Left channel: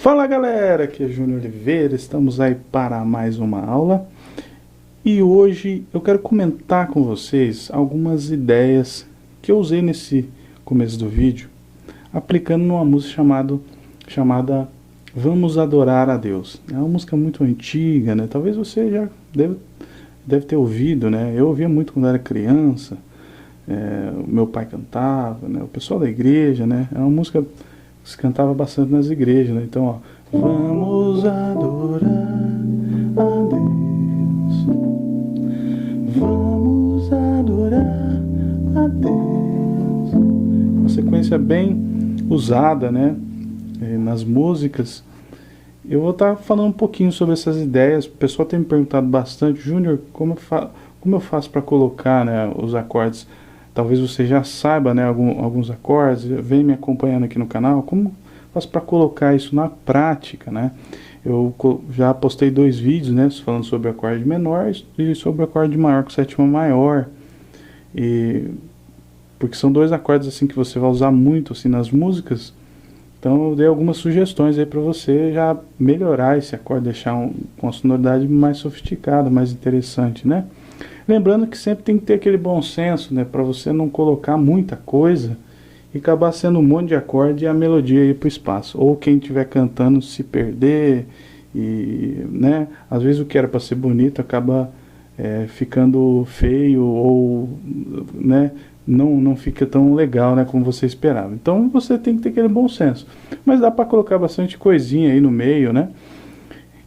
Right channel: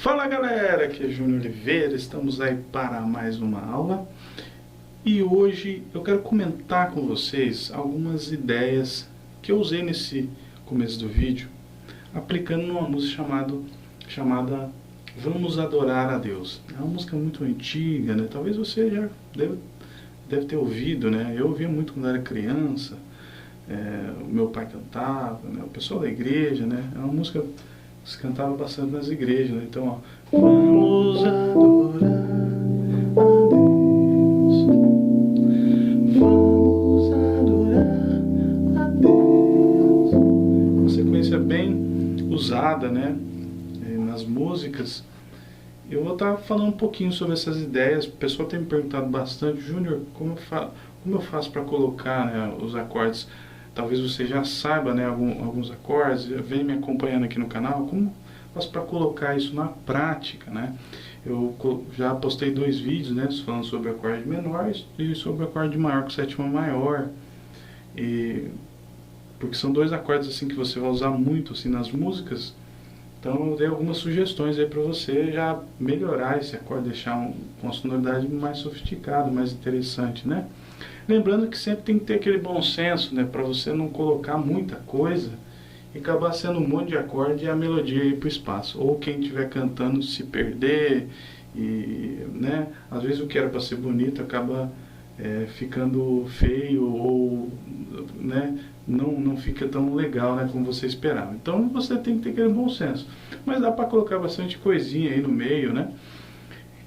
Fala galera, aqui é Júnior Oliveira, estamos aí para mais uma aula e hoje eu quero comentar com vocês algumas ideias que eu usei nesse começo do vídeo, aplicando numa música chamada Vamos Adorar a Deus. É uma música muito antiga, né? Talvez você já deve ter ouvido, né? Eu ouvia muito quando era criança, o meu pai cantava, né? O pessoal da igreja, né? É uma música se cantava bastante nas igrejas, né? Então, ó, vamos adorar a Deus, vamos adorar a Deus. Uma sequência bem usada, né? Nas músicas. Eu vou estar falando um pouquinho sobre essas ideias. O pessoal tem me perguntado bastante, Júnior, como eu faço para colocar, né, os acordes? Talvez você já saiba, né, alguns acordes, vem me acompanhando aqui no canal. Como eu faço para colocar isso na prática, né? Eu já postei 2 vídeos, né, falando sobre acorde menor e sobre acorde maior com sétima maior. Porque são 2 acordes assim que você vai usar muito assim nas músicas. Então eu dei algumas sugestões aí para você já melhorar esse acorde, deixar com uma sonoridade mais sofisticada, mais interessante, né? Lembrando que sempre tem que ter aquele bom senso, né, para você não colocar muita coisa e acabar sendo um monte de acorde e a melodia ir para o espaço. Ou quem estiver cantando se perder e, né, às vezes o que era para ser bonito acaba ficando feio ou, né, não fica tão legal, né, como você esperava. Então você tem que ter aquele bom senso. Mas dá para colocar bastante coisinha aí no meio, né?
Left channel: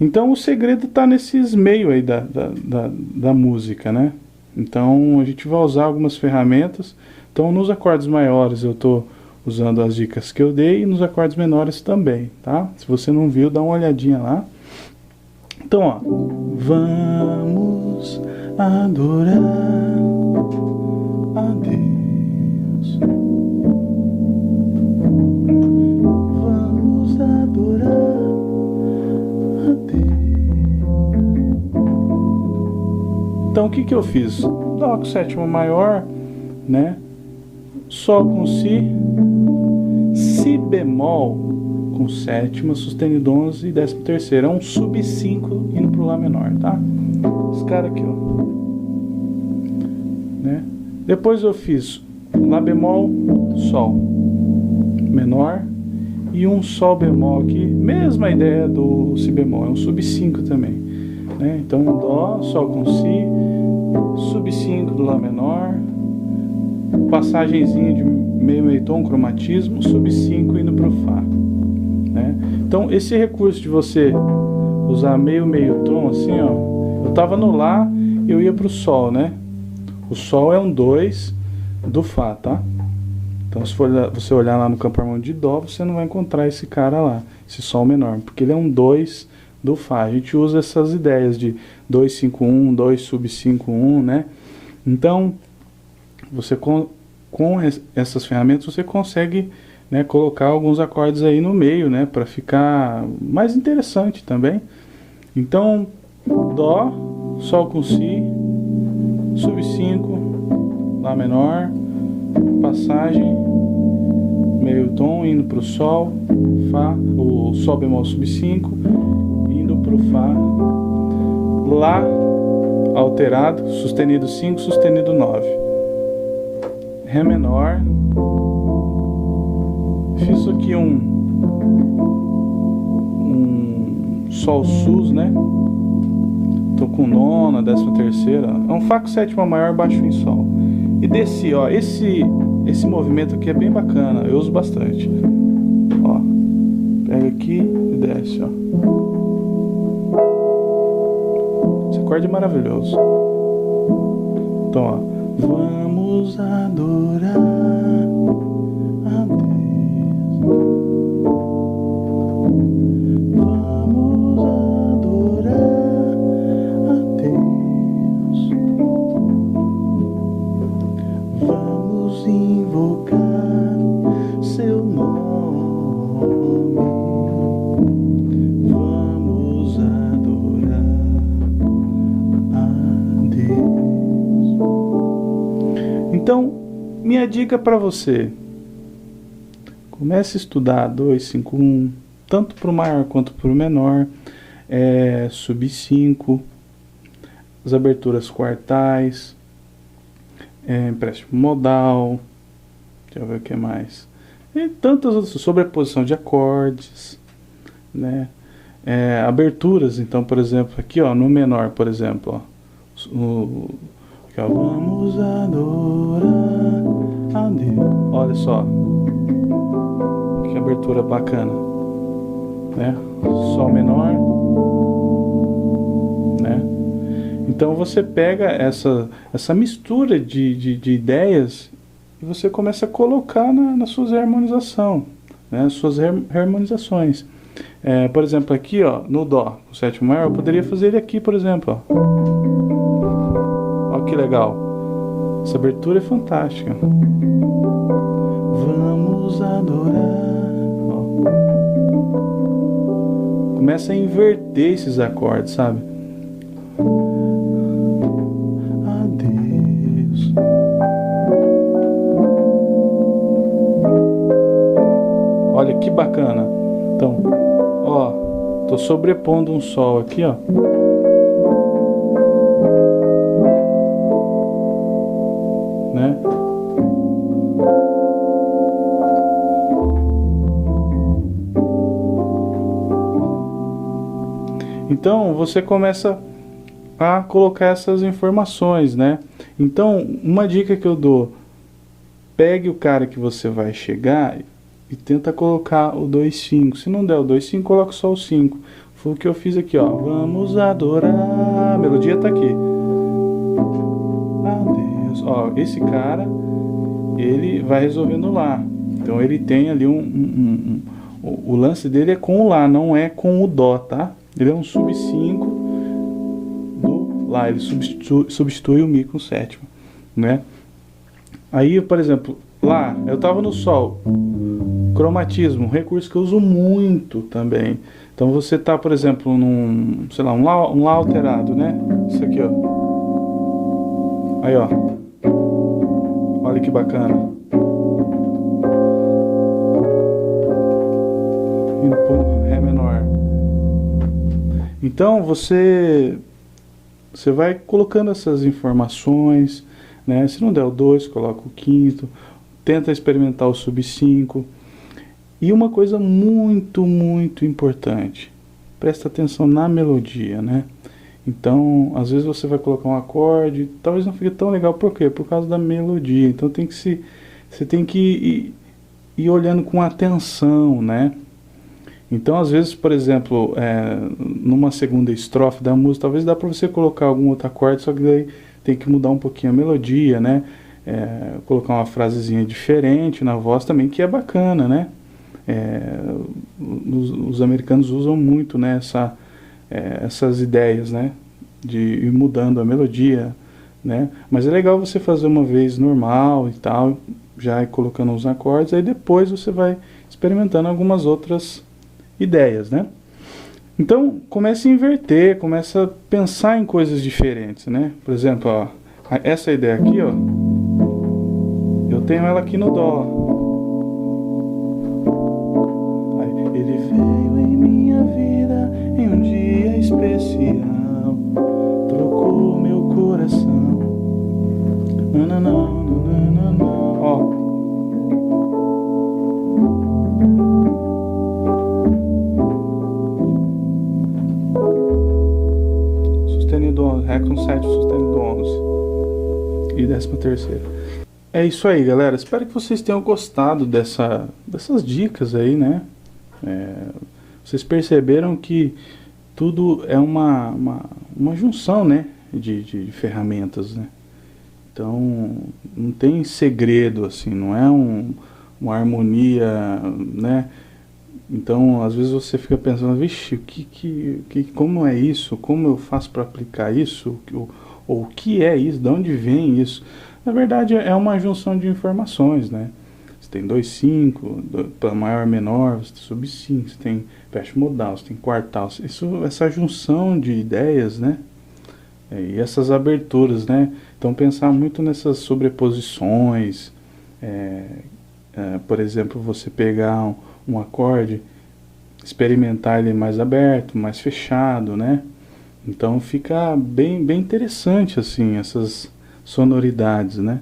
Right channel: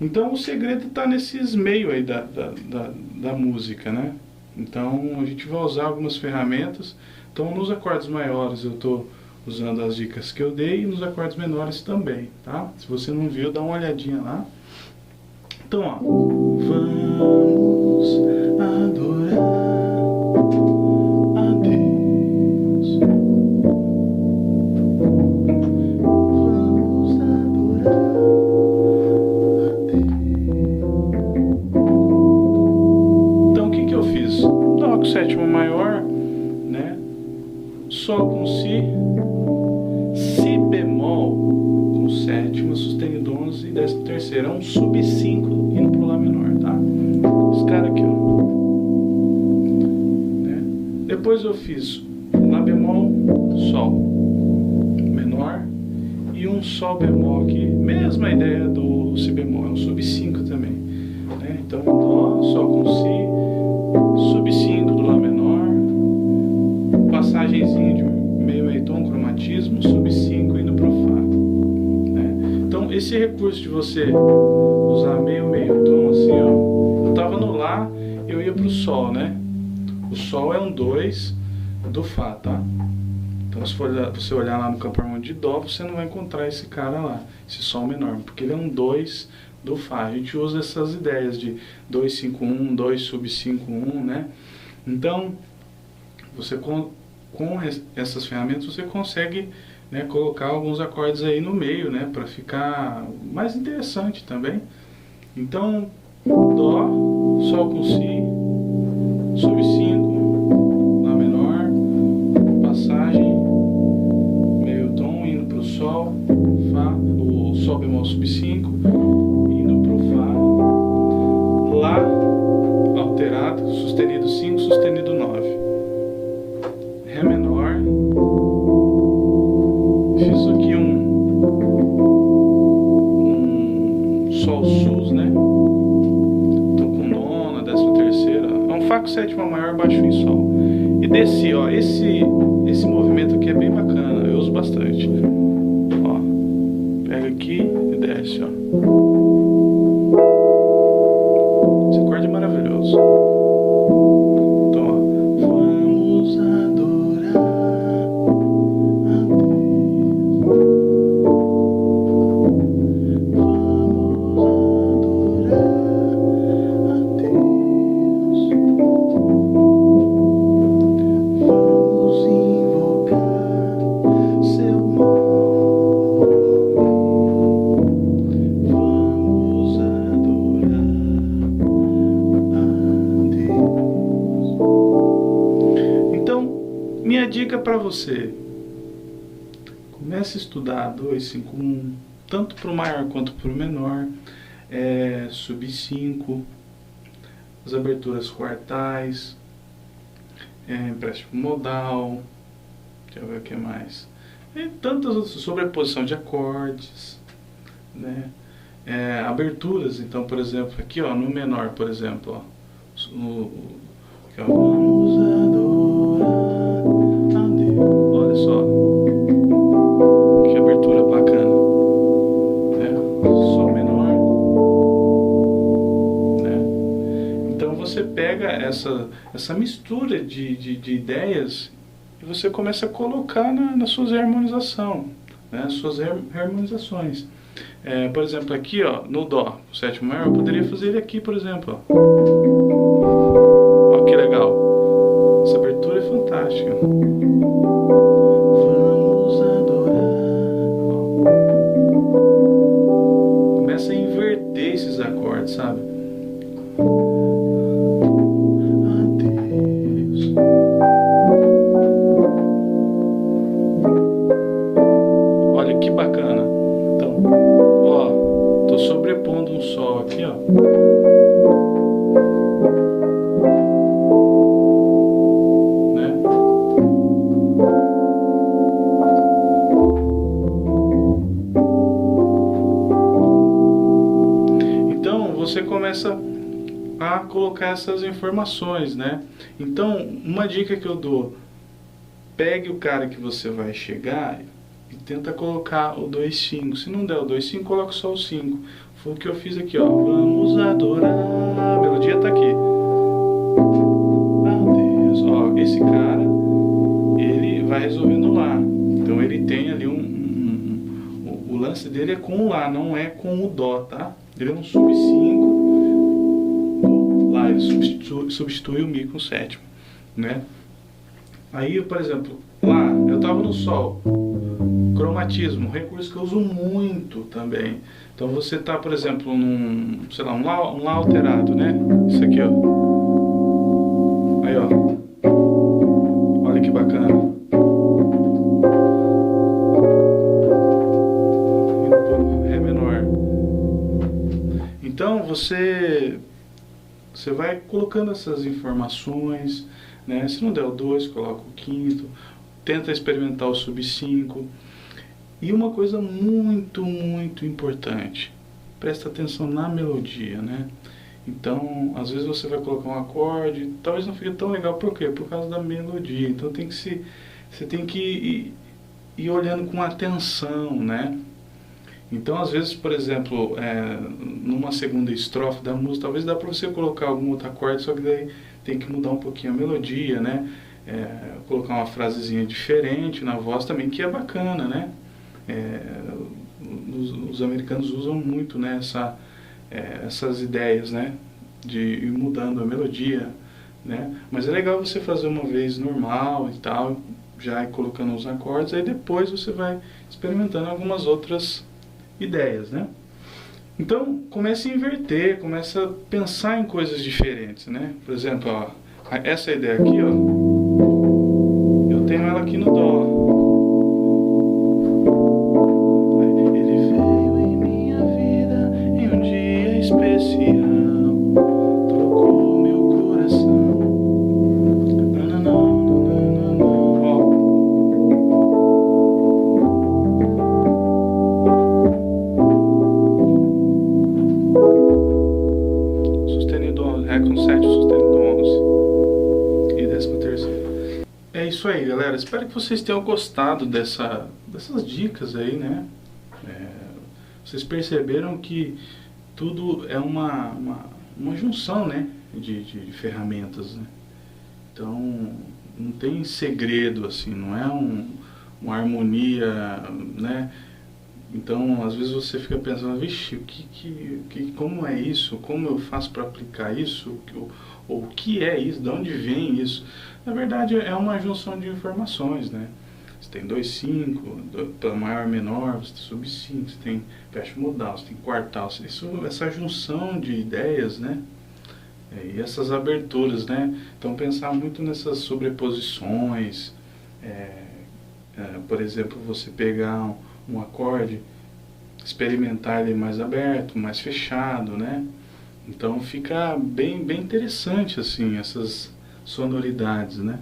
Então o segredo está nesses meios aí da música, né? Então a gente vai usar algumas ferramentas. Então nos acordes maiores eu estou usando as dicas que eu dei e nos acordes menores também, tá? Se você não viu, dá uma olhadinha lá. Então, ó, vamos adorar a Deus. Vamos adorar a Deus. Então, o que eu fiz? Dó com sétima maior, né? Sol com si bemol com sétima, sustenido 11 e 13º. É um sub 5 indo pro Lá menor, tá? Esse cara aqui, ó. Né? Depois eu fiz Lá bemol, Sol menor e um Sol bemol aqui. Mesma ideia do Si bemol, é um sub 5 também. Né? Então Dó, Sol com Si, sub 5 do Lá menor, passagenzinha de meio tom, cromatismo, sub 5 indo pro Fá. Né? Então esse recurso de você usar meio tom assim, ó, eu tava no Lá, eu ia pro Sol, né? O Sol é um 2 do Fá, tá? Então se você olhar lá no campo harmônico de Dó, você não vai encontrar esse cara lá, esse Sol menor, porque ele é um 2 do Fá. A gente usa essas ideias de 2, 5, 1, 2 sub 5, 1, né? Então você com essas ferramentas você consegue, né, colocar alguns acordes aí no meio, né, para ficar mais interessante também. Então, Dó, Sol com Si, sub 5, Lá menor, passagem, meio tom indo para o Sol, Fá, o Sol bemol sub 5, indo para o Fá, Lá alterado, sustenido 5, sustenido 9. Ré menor, fiz aqui um Sol sus, né? Tô com nona, 13ª, é um Fá com sétima maior, baixo em Sol. E desci, ó, esse movimento aqui é bem bacana, eu uso bastante. Ó, pega aqui e desce, ó. Esse acorde é maravilhoso. Então, ó, vamos adorar a Deus. Vamos adorar a Deus. Vamos invocar seu nome. Vamos adorar a Deus. Então, minha dica para você: comece a estudar 2, 5, 1, tanto para o maior quanto para o menor, sub 5, as aberturas quartais, empréstimo modal, deixa eu ver o que mais, e tantas outras, sobreposição de acordes, né? Aberturas, então, por exemplo, aqui ó, no menor, por exemplo, ó, vamos adorar a Deus. Olha só que abertura bacana, né? Sol menor, né? Então você pega essa mistura de ideias e você começa a colocar na suas harmonização, né? Suas harmonizações. Por exemplo, aqui ó, no Dó, o sétimo maior, eu poderia fazer ele aqui, por exemplo, ó. Olha que legal. Essa abertura é fantástica. Vamos adorar. Ó. Começa a inverter esses acordes, sabe? A Deus. Olha que bacana. Então, ó, tô sobrepondo um Sol aqui, ó. Né? Então, você começa a colocar essas informações, né? Então, uma dica que eu dou: pegue o cara que você vai chegar e tenta colocar o 2/5. Se não der o 2/5, coloca só o 5. Foi o que eu fiz aqui, ó. Vamos adorar. A melodia tá aqui. Adeus. Ó, esse cara, ele vai resolvendo Lá. Então ele tem ali o lance dele é com o Lá, não é com o Dó, tá? Ele é um sub 5 do Lá. Ele substitui o Mi com o sétimo, né? Aí, por exemplo, Lá, eu tava no Sol. Cromatismo, um recurso que eu uso muito também. Então você tá, por exemplo, num, sei lá, um Lá alterado, né? Isso aqui, ó. Aí, ó. Olha que bacana. Ré menor. Então você vai colocando essas informações, né? Se não der o 2, coloca o quinto. Tenta experimentar o sub 5. E uma coisa muito, muito importante, presta atenção na melodia, né? Então, às vezes você vai colocar um acorde, talvez não fique tão legal, por quê? Por causa da melodia. Então você tem que ir olhando com atenção, né? Então, às vezes, por exemplo, numa segunda estrofe da música, talvez dá para você colocar algum outro acorde, só que daí tem que mudar um pouquinho a melodia, né? Colocar uma frasezinha diferente na voz também, que é bacana, né? Os americanos usam muito, né, essas ideias, né, de ir mudando a melodia, né? Mas é legal você fazer uma vez normal e tal, já ir colocando os acordes, aí depois você vai experimentando algumas outras ideias, né? Então comece a inverter, comece a pensar em coisas diferentes, né? Por exemplo, ó, essa ideia aqui, ó, eu tenho ela aqui no Dó. Especial, trocou meu coração. Ó. Sustenido 11, Ré com 7, sustenido 11 e 13ª. É isso aí, galera. Espero que vocês tenham gostado dessas dicas aí, né? Vocês perceberam que tudo é uma junção, né, de ferramentas, né? Então não tem segredo assim, não é uma harmonia, né? Então às vezes você fica pensando, vixe, como é isso? Como eu faço para aplicar isso? Ou o que é isso? De onde vem isso? Na verdade é uma junção de informações, né? Você tem 2/5, para maior menor, você tem sub 5, você tem empréstimo modal, você tem quartal, essa junção de ideias, né? E essas aberturas, né? Então pensar muito nessas sobreposições, por exemplo, você pegar um acorde experimentar ele mais aberto, mais fechado, né? Então fica bem interessante assim essas sonoridades, né?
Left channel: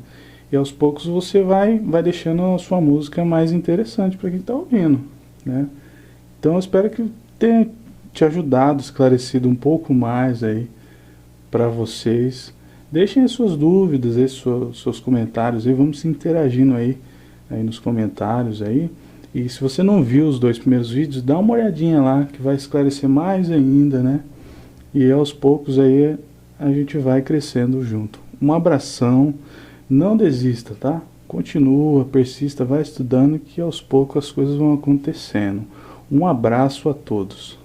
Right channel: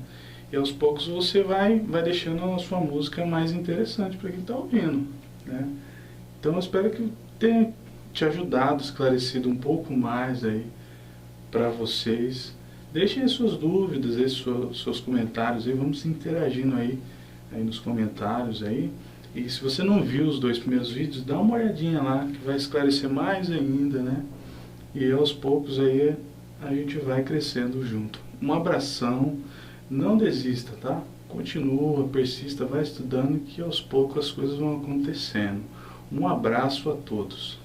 E aos poucos você vai deixando a sua música mais interessante para quem está ouvindo, né? Então eu espero que tenha te ajudado, esclarecido um pouco mais aí para vocês. Deixem as suas dúvidas, aí, seus comentários aí, vamos se interagindo aí nos comentários aí. E se você não viu os 2 primeiros vídeos, dá uma olhadinha lá que vai esclarecer mais ainda, né? E aos poucos aí a gente vai crescendo junto. Um abração, não desista, tá? Continua, persista, vai estudando que aos poucos as coisas vão acontecendo. Um abraço a todos.